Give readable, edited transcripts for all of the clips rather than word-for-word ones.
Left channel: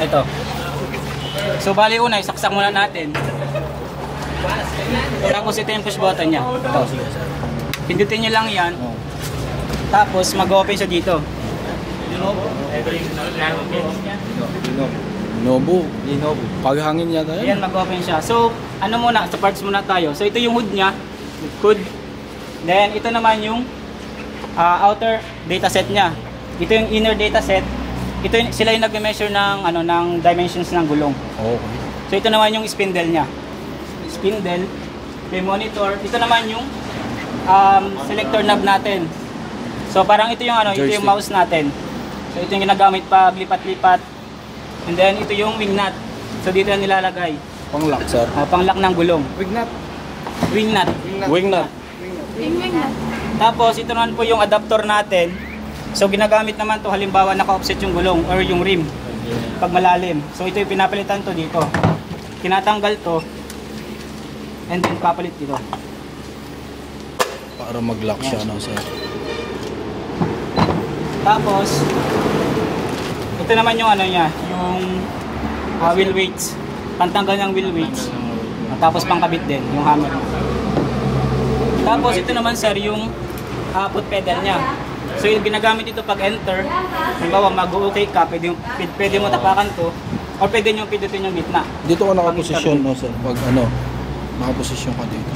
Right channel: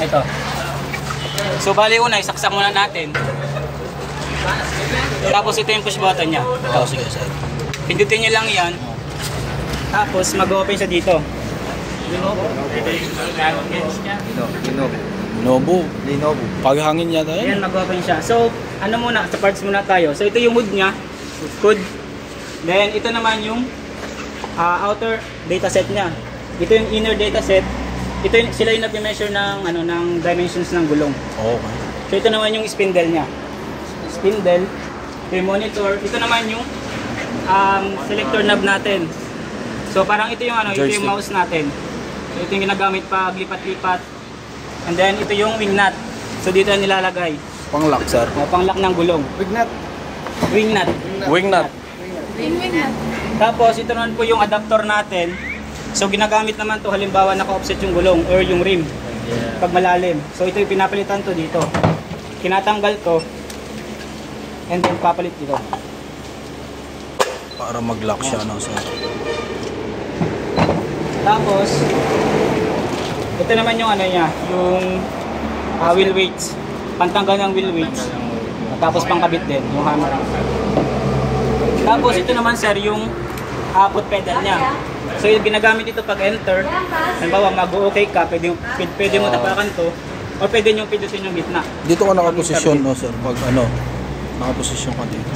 Ito. So bali una, isaksak muna natin. Tapos ito yung push button niya. Ito. Sige, sir. Pindutin nyo lang yan. Tapos mag-open siya dito. Linovo. Paghangin yata yan. Ayan, mag-open siya. So, ano muna, sa parts muna tayo. So ito yung hood niya. Hood. Then ito naman yung outer dataset niya. Ito yung inner dataset. Ito yung, sila yung nag-measure ng ng dimensions ng gulong. Okay. So ito naman yung spindle niya. Spindle, yung monitor. Ito naman yung selector knob natin. So parang ito yung ito yung mouse natin. So ito yung ginagamit pag lipat-lipat. And then ito yung wing nut. So dito na nilalagay. Pang-lock, sir. Pang-lock ng gulong. Wing nut. Wing nut. Wing nut. Wing nut. Tapos ito naman po yung adapter natin. So ginagamit naman to halimbawa naka-offset yung gulong or yung rim pag malalim. So ito yung pinapalitan to dito. Tinatanggal to and then papalit dito. Para mag-lock siya, no, sir. Tapos ito naman yung niya, yung wheel weights. Pantanggal ng wheel weights. Tapos pangkabit din yung hammer. Tapos ito naman sir yung foot pedal niya. So yung ginagamit ito pag enter, halimbawa mag-okay ka, pwede mo tapakan to or pwede nyo pindutin yung gitna. Dito ka nakaposisyon, no, sir? Pag nakaposisyon ka dito.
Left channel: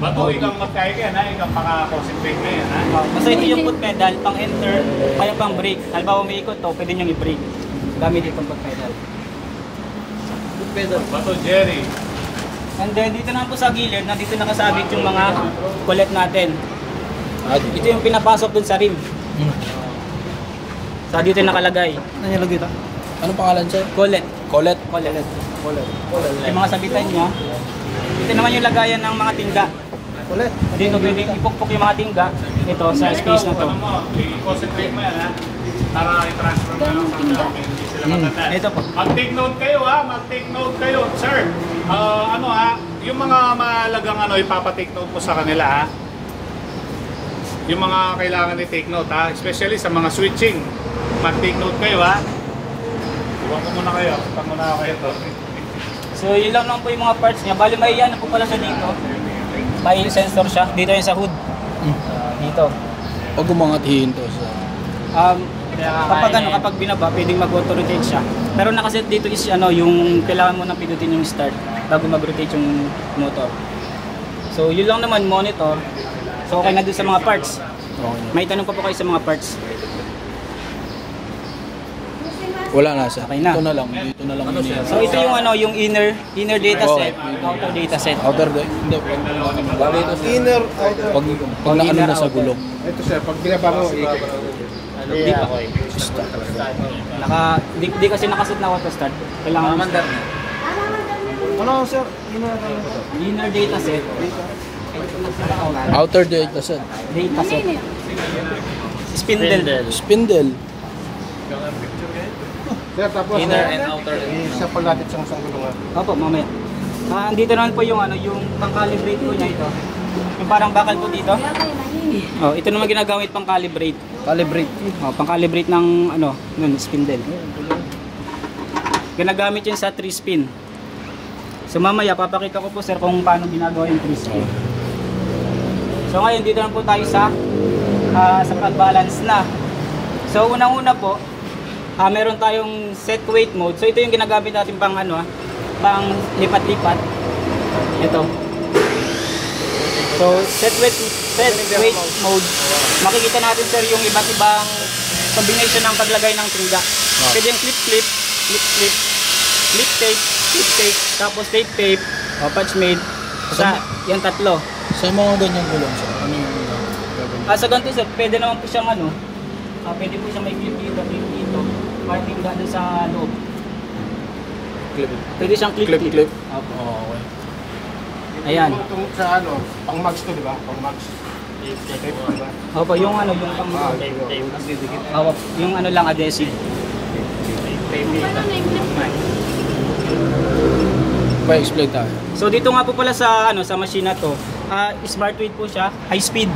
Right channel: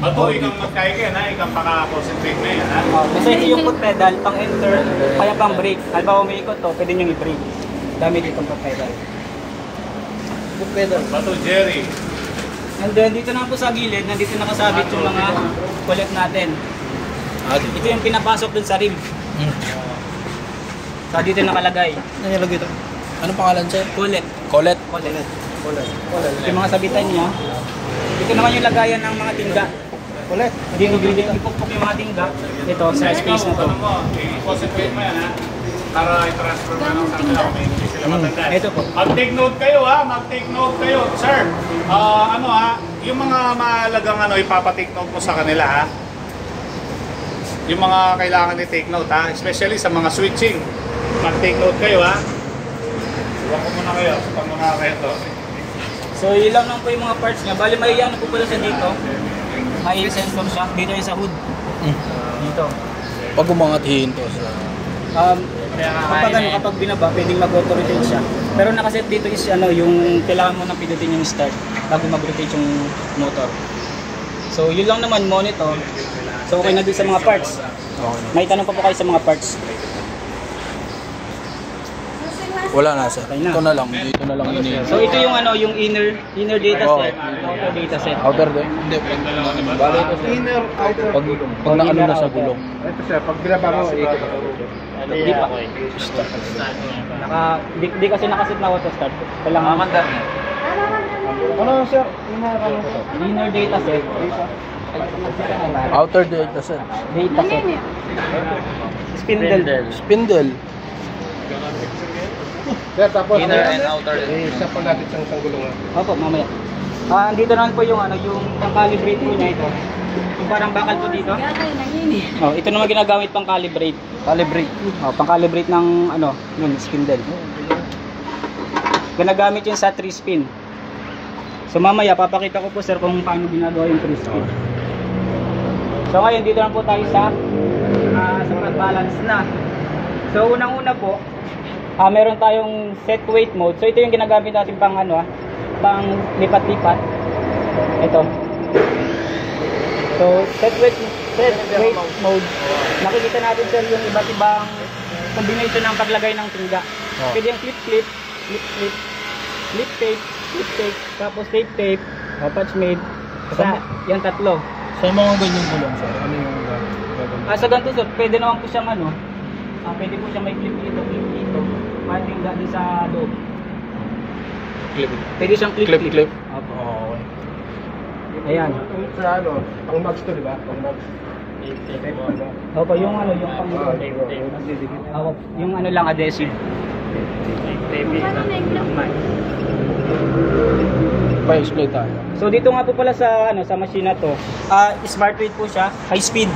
Bato, ikang magkaya na, ikang paka-concentrate na yan, ha? So ito yung foot pedal, pang enter, kaya pang brake. Halimbawa may ikot to, pwede nyo i-brake. Gamit itong foot pedal. Foot pedal. Bato, Jerry. And then dito na po sa gilid, nandito nakasabit yung mga collet natin. Ito yung pinapasok dun sa rim. So dito nakalagay. Ano yung lagay ito? Anong pangalan, sir? Collet. Collet. Yung mga sabitan niya. Ito naman yung lagayan ng mga tinga. Ulit. Dito ipukpok yung mga tinga. Ito sa space na to. I-concentrate mo yan, ha? Para i-transfer mo lang sa kanila. Hindi sila matandaan. Ito po. Mag-take note kayo, ha? Mag-take note kayo. Sir, yung mga mahalagang ipapatake note mo sa kanila, ha? Yung mga kailangan i-take note, ha? Especially sa mga switching. Mag-take note kayo, ha? Suwak ko muna kayo. Suwak muna kayo to. So yun lang po yung mga parts niya. Bali may ano po pala siya dito. May sensor siya. Dito yung sa hood. Dito. Pag umangathin to, sir. Kapag binaba, pwedeng mag-auto-rotate siya. Pero nakaset dito is yung kailangan mo na pindutin yung start bago mag-rotate yung motor. So yun lang naman monitor. So okay na din sa mga parts. Okay. May tanong pa po kayo sa mga parts. Wala na, sir. Okay na. Ito na lang. Dito na lang yun. So ito yung yung inner data set. Outer data set. Outer day? Hindi. Inner, outer. Pag naano na sa gulong. Ito sir, pag binaba mo, Di pa. Di kasi nakaset na auto start. Kailangan mandar. Ano sir? Inner data set. Outer data set. Data set. Spindle. Spindle. Sir, tapos Inner and outer. isa pa natin sa isang gulungan. Opo, mamaya. Andito naman po yung yung pang-calibrate po niya ito. Yung parang bakal po dito. Oh, ito naman ginagamit pang-calibrate. Calibrate. Oh, pang-calibrate ng yun, spindle. Ginagamit yun sa 3-spin. So mamaya papakita ko po sir kung paano ginagawa yung 3-spin. So ngayon dito na po tayo sa pag-balance na. So unang-una po, meron tayong set weight mode. So ito yung ginagamit natin pang pang lipat-lipat. Ito. So set weight mode. Makikita natin sir yung iba't ibang combination ng paglagay ng tinga. Pwede yung clip-clip, clip-clip, clip-tape, clip-tape, tapos tape-tape, patch made. Yan tatlo. Sa mga ganyang gulong, sir, ano yung gagawin? Sa ganito sir, pwede naman po siyang pwede po siyang may clip dito, clip dito. Parting dun sa loob. Clip. Pwede siyang clip-clip. Clip. Opo. Okay. Ayan. Sa pang mags to, di ba? Pang mags. Opo, yung yung lang adhesive. Pa-explain tayo. So dito nga po pala sa sa machine na to, smart weight po siya, high speed.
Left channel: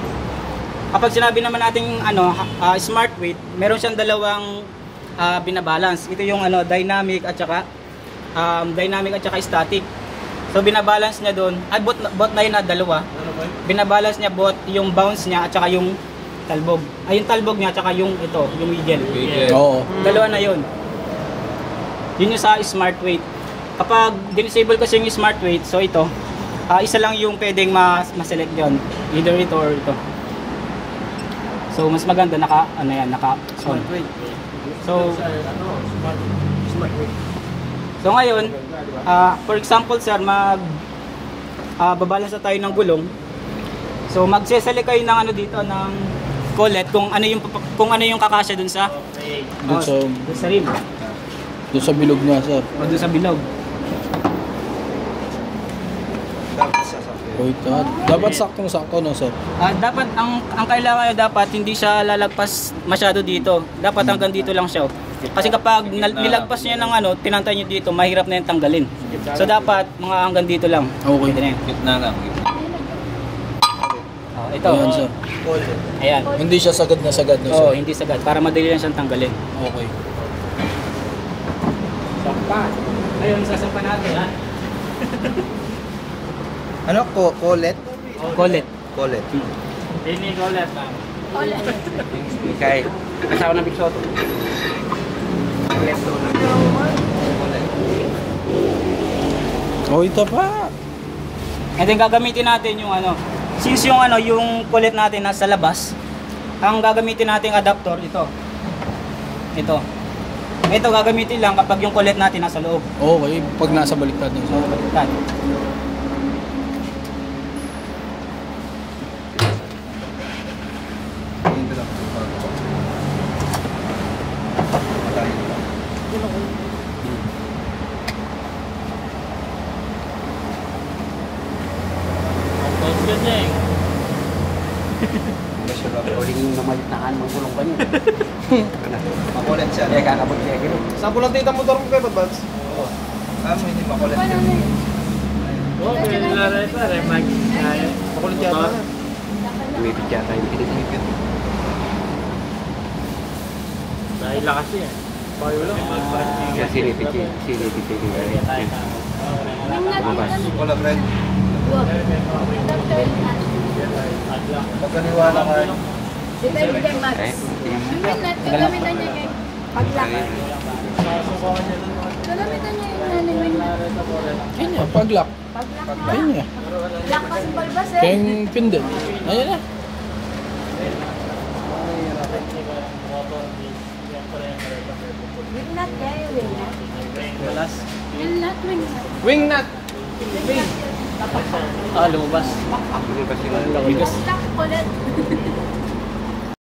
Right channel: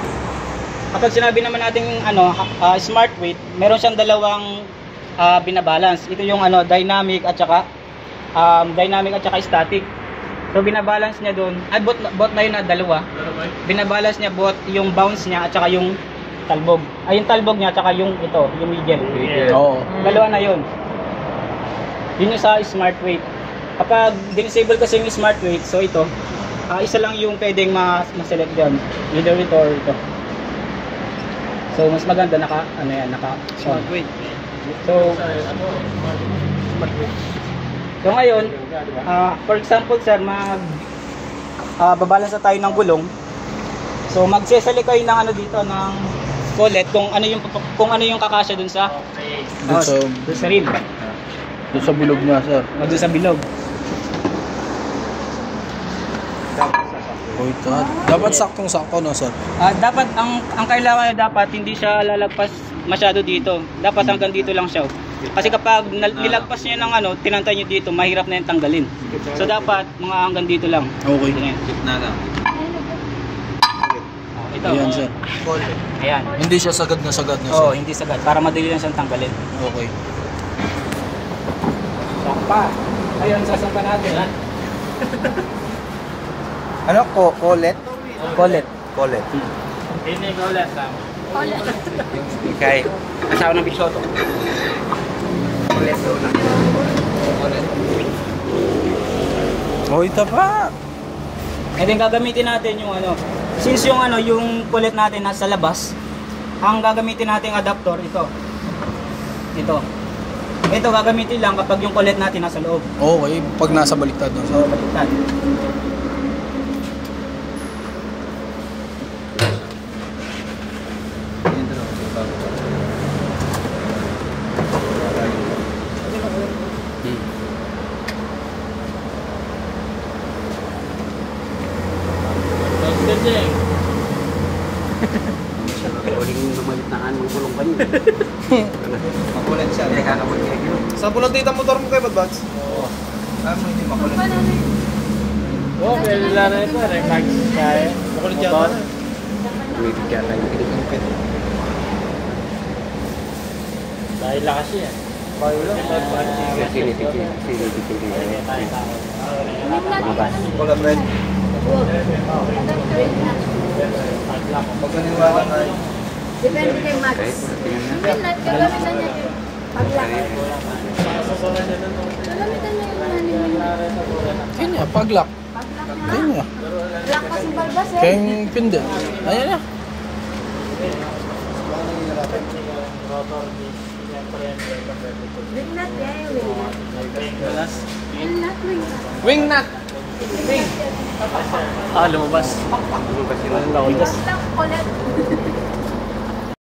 Kapag sinabi naman natin smart weight, meron siyang dalawang binabalance. Ito yung ano, dynamic at saka static. So binabalance niya doon. At bot na yun na dalawa. Binabalance niya bot yung bounce niya at saka yung talbog. Ay yung talbog niya at saka yung ito, yung wiggle. Oo. Dalawa na yun. Yun yung sa smart weight. Kapag disable kasi yung smart weight, so ito, isa lang yung pwedeng ma-select doon. Either ito or ito. So mas maganda naka smart weight. So So ngayon, for example sir, babalance na tayo ng gulong. So magsesali kayo ng ano dito ng kulit kung ano yung kakasya dun sa Dun sa rim. Doon sa bilog nga, sir. Dun sa bilog. Wait, dapat saktong-sakto na, sir. Dapat ang kailangan dapat hindi siya lalagpas masyado dito. Dapat hanggang dito lang siya. Kasi kapag nilagpas niya ng ano, tinantay niyo dito, mahirap na yung tanggalin. So dapat mga hanggang dito lang. Okay. Ito na yan. Gitna lang. Ito. Ayan, sir. Ayan. Hindi siya sagad na, sir. Oo, hindi sagad. Para madali lang siyang tanggalin. Okay. Sakpa. Ayun, sasampa natin ha. Ano? Collet? Collet. Collet. Ini collet lang. Collet. Okay. Kasama ng Bixoto. Collet doon na. Oh, ito pa. And then gagamitin natin yung ano. Since yung ano, yung collet natin nasa labas, ang gagamitin nating adapter ito. Ito gagamitin lang kapag yung collet natin nasa loob. Okay, pag nasa baliktad no, sir. Baliktad. Makulit siya. Eh, kakabot niya. Saan po lang tita motor mo kayo, Badbads? Oo. Paano hindi makulit? Oo, pwede lang rin pa rin. Makulit yata na. Umipit yata yung pinipit. Dahil lakas yan. Bayo lang. Sinipit. Wala ba yun? Magkaniwala ka. Depende kay Max. Gagamitan niya kay paglak. Gagamitan niya yung Ayun niya, pag-lock. paglak Ayun na. niya. Lock kasi balbas Kaya eh. yung pindot. Ayan na. Wing nut niya yung wing nut. Wing nut, wing nut. Wing nut! Wing. Lumabas. Paglak ulit.